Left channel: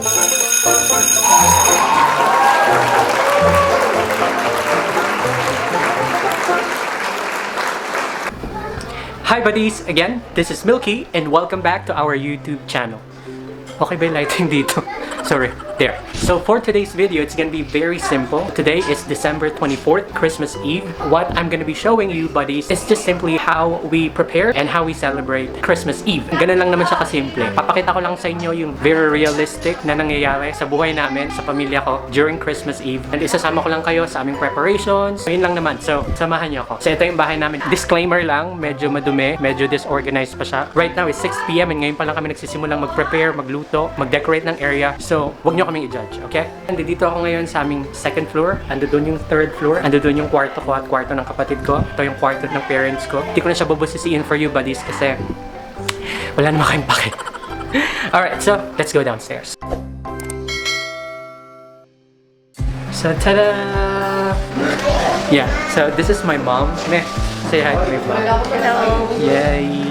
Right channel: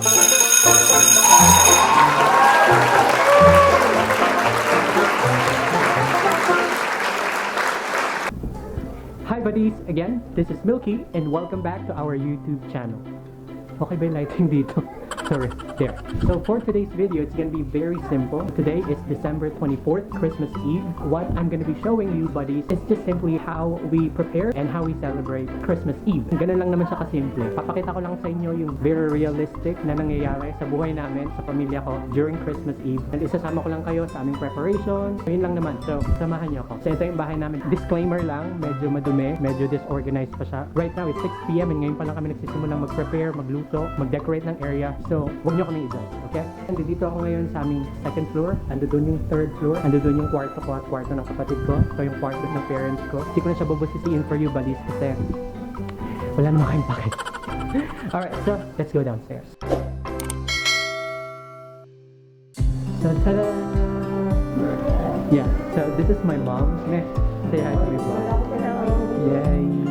Hi buddies! Again, this is Milky and welcome back to our YouTube channel. Okay ba yung lighting dito? Sorry, there. So for today's video, it's gonna be very simple. Today is December 24th, Christmas Eve. What I'm gonna be showing you buddies is just simply how we prepare and how we celebrate Christmas Eve. Ganun lang naman siya kasimple. Papakita ko lang sa inyo yung very realistic na nangyayari sa buhay namin, sa pamilya ko during Christmas Eve. And isasama ko lang kayo sa aming preparations. So yun lang naman. So samahan niyo ako. So ito yung bahay namin. Disclaimer lang, medyo madumi, medyo disorganized pa siya. Right now is 6 PM and ngayon pa lang kami nagsisimulang mag-prepare, magluto, mag-decorate ng area. So huwag nyo kaming i-judge, okay? Nandito ako ngayon sa aming second floor. Ando doon yung third floor. Ando doon yung kwarto ko at kwarto ng kapatid ko. Ito yung kwarto ng parents ko. Hindi ko na siya bubusisiin for you buddies kasi wala naman kayong pakit. Alright, so let's go downstairs. So, tada! Yeah, so this is my mom. Meh, say hi to my mom. Hello. Yay!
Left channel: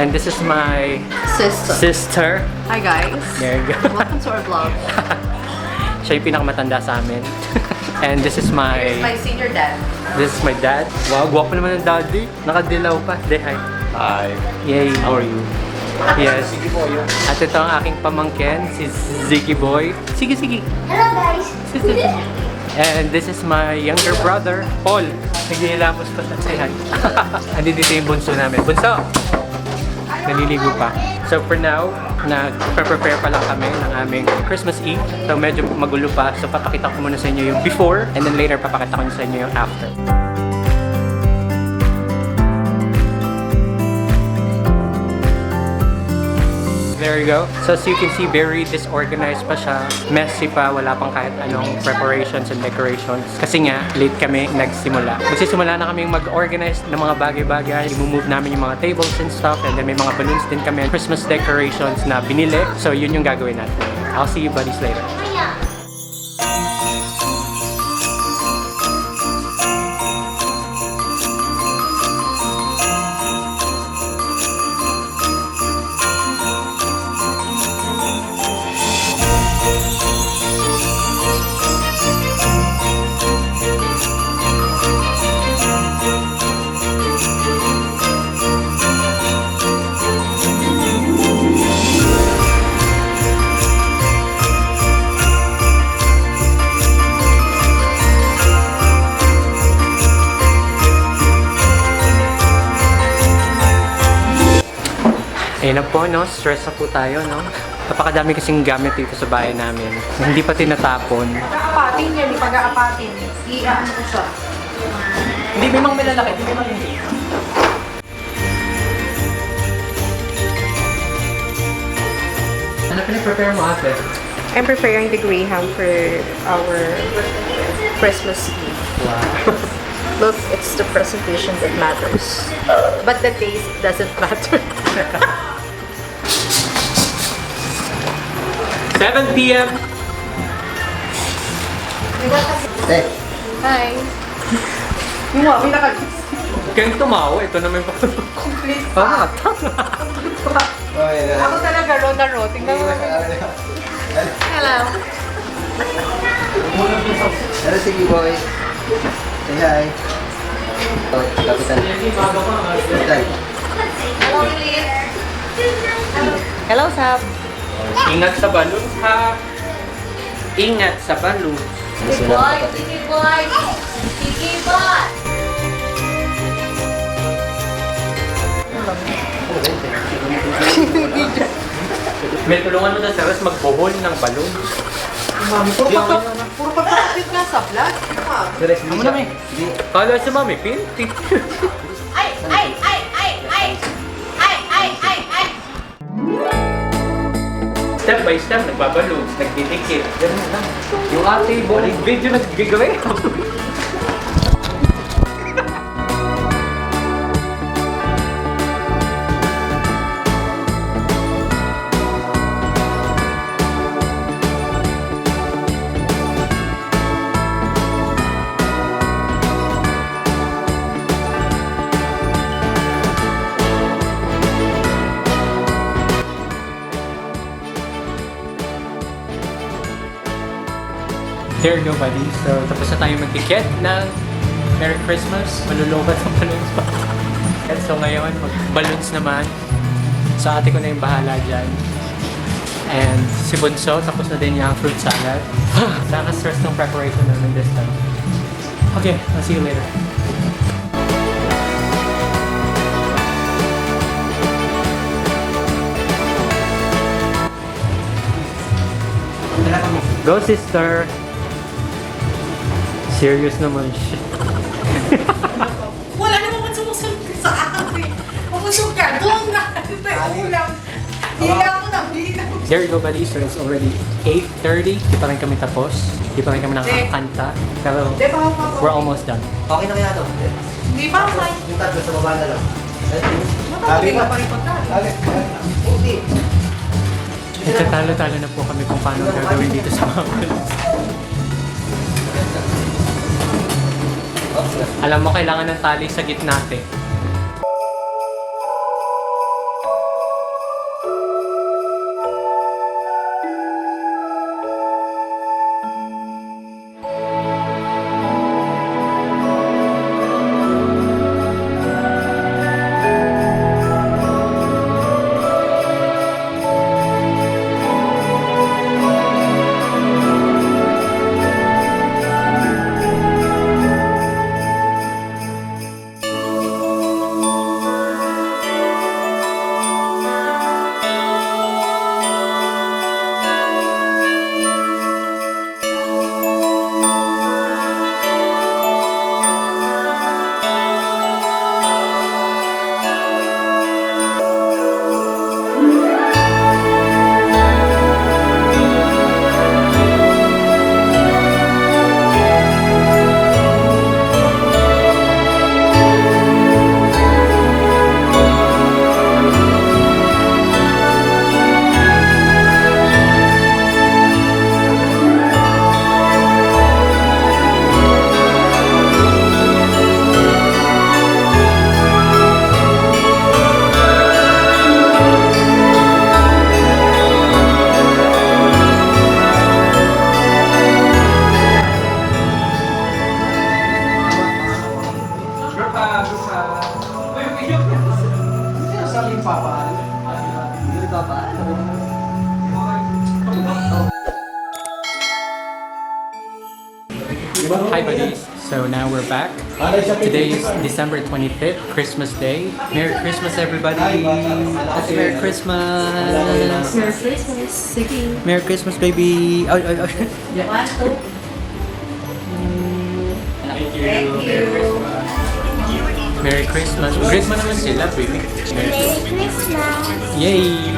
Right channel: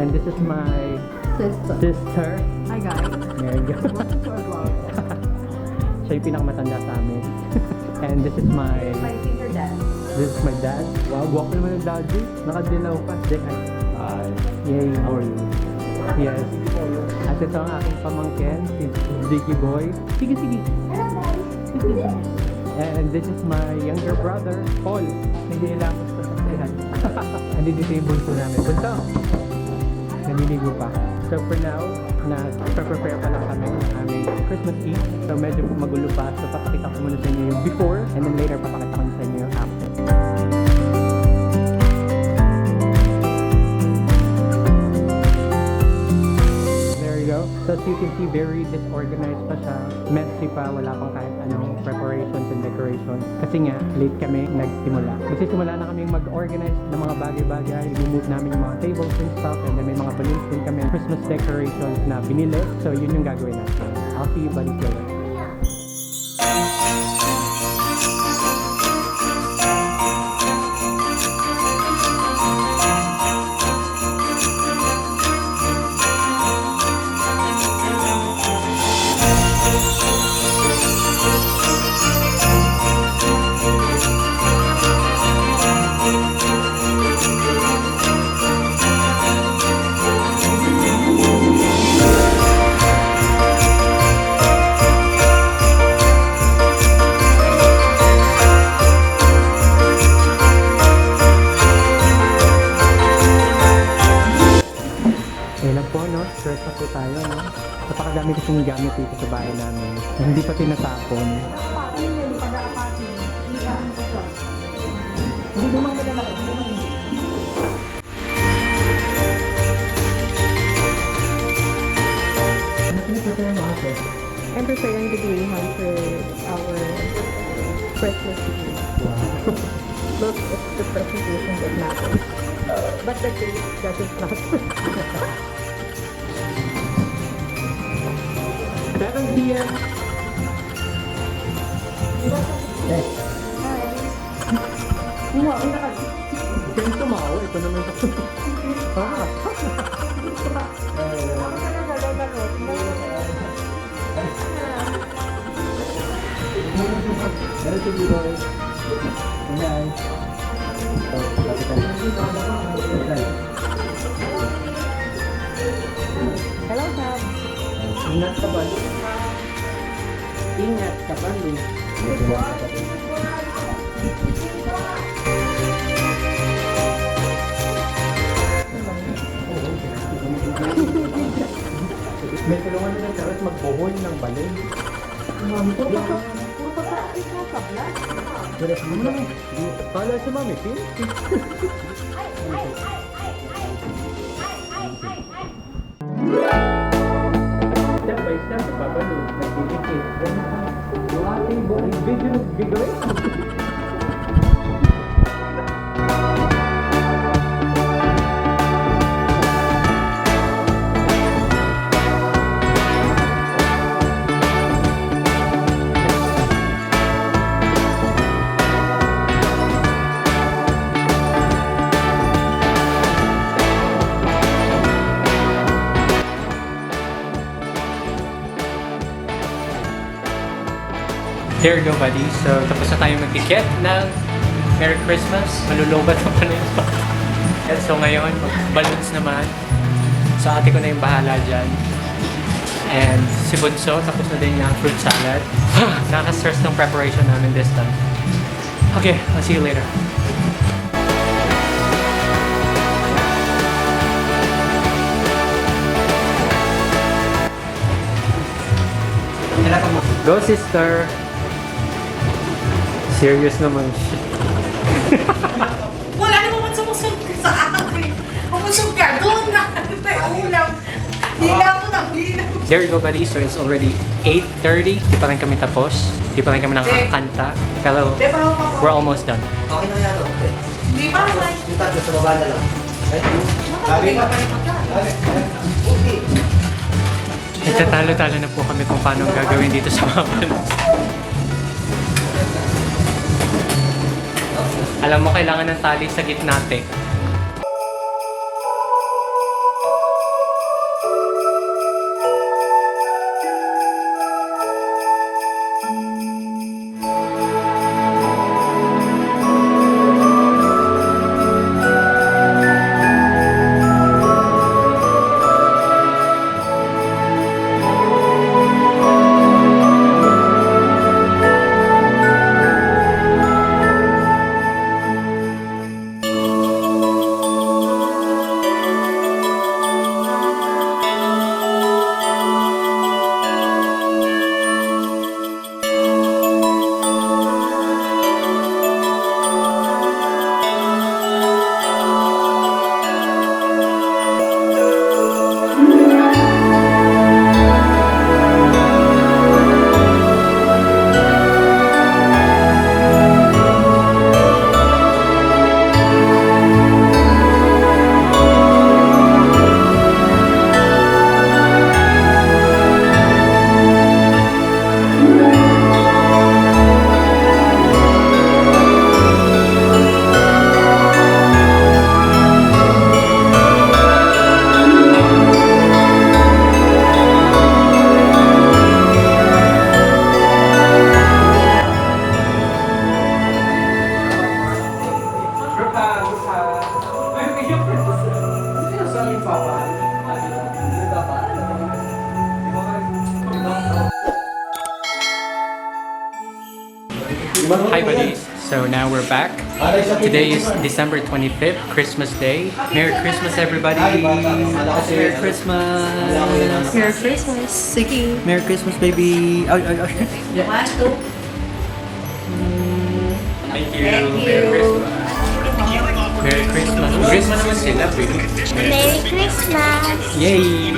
And this is my sister. Hi guys. There you go. Welcome to our vlog. Siya yung pinakamatanda sa amin. And this is my senior dad. This is my dad. Wow, gwapo naman ng daddy. Nakadilaw pa. Say hi. Hi. Yay. How are you? Yes. At ito ang aking pamangkin, si Ziggy Boy. Sige, sige. Hello guys. And this is my younger brother, Paul. Naghihilamos pa siya. Say hi. Andito dito yung bunso namin. Bunso! Naliligo pa. So for now, nag-prepare pa lang kami ng aming Christmas Eve. So medyo magulo pa. So papakita ko muna sa inyo yung before and then later papakita ko sa inyo yung after. There you go. So as you can see, very disorganized pa siya. Messy pa. Wala pang kahit anong preparations and decorations. Kasi nga, late kami nagsimula. Magsisimula na kami mag-organize ng mga bagay-bagay. I-move namin yung mga tables and stuff. And then may mga balloons din kami. Christmas decorations na binili. So yun yung gagawin natin. I'll see you buddies later. Ayun na po, no? Stress na po tayo, no? Napakadami kasing gamit dito sa bahay namin. Hindi pa tinatapon. Pag-aapatin yan, pag-aapatin. I-ano ko siya. Hindi, may mga malalaki. Hindi, may mga hindi. Ano pinag-prepare mo, ate? I'm preparing the greyhound for our Christmas Eve. Wow. Look, it's the presentation that matters. But the taste doesn't matter. 7 PM! Hi. Yung mga pinaka... Kaya tumawa, ito naman pa. Ah! Ako talaga, row na row. Tingnan mo. Hello. Hello, sige boy. Say hi. Oh, kapitan. Kapitan. Hello, Sab. Ingat sa balon, ha? Ingat sa balon. Sige boy, sige boy. Sige boy. May tulungan mo na sa Ros magbohol ng balon. Mami, puro pagkakapit nga sa vlog. Ano namin? Kala si Mami, pinti. Ay, ay, ay, ay, ay. Ay, ay, ay, ay. Step by step, nagbabalon, nagdidikit. Ganun lang. Yung ate, buong video nagbigay. There you go, buddy. So, tapos na tayo magtikit ng Merry Christmas. Malulubat ang panoyung pa. So, ngayon, mag-balloons naman. So, ate ko na yung bahala dyan. And si Bunso, tapos na din yung fruit salad. Nakaka-stress ng preparation namin this time. Okay, I'll see you later. Go, sister! Serious naman siya. Wala namang sumusunod sa akin. Pumusog ka, doon na. Ito yung ulam. Hilaw mo na, hilaw. There you go, buddy. So it's already 8:30. Di pa rin kami tapos. Di pa rin kami nakakanta. Pero we're almost done. Okay lang yan ito. Hindi pa naman. Yung tatlo sa baba na lang. Sabi ka. Hindi. Nagtatalo-talo na po kami kung paano ang gagawin dito sa mga balloons. Alam mo, kailangan ng tali sa gitna, te. Hi buddies, so now we're back. Today is December 25th, Christmas Day. Merry Christmas everybody! Merry Christmas! Merry Christmas. Sige. Merry Christmas baby! Ay, ay, ay. 1, 2. Thank you! Merry Christmas! Merry Christmas! Great mo naman sila, baby. Merry Christmas! Yay!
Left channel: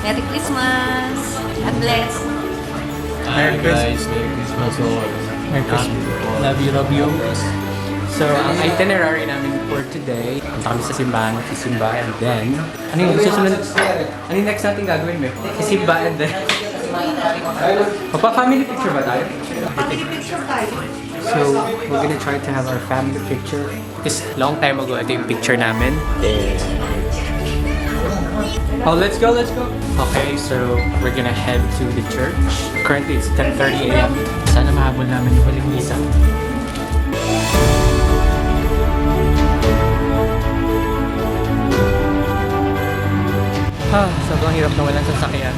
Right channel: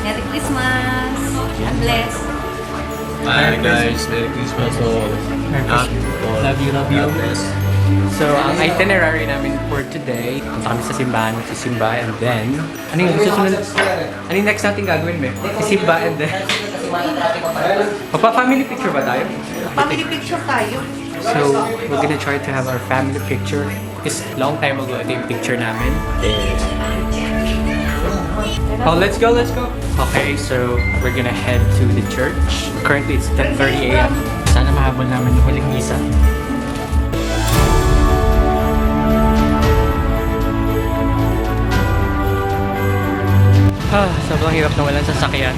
Merry Christmas. God bless. Hi guys, Merry Christmas all. Merry Christmas. Love you, love you. God bless. So, ang itinerary namin for today, punta kami sa simbahan, magsisimba, and then, ano yung susunod? Ano yung next natin gagawin, Be? Sisimba, and then, magpa-family picture ba tayo? Family picture tayo. So, we're gonna try to have our family picture because long time ago, ito yung picture namin. Oh, let's go, let's go! Okay, so we're gonna head to the church. Currently, it's 10:30 a.m. Sana mahabol naman yung huling misa. Sobrang hirap na walang sasakyan.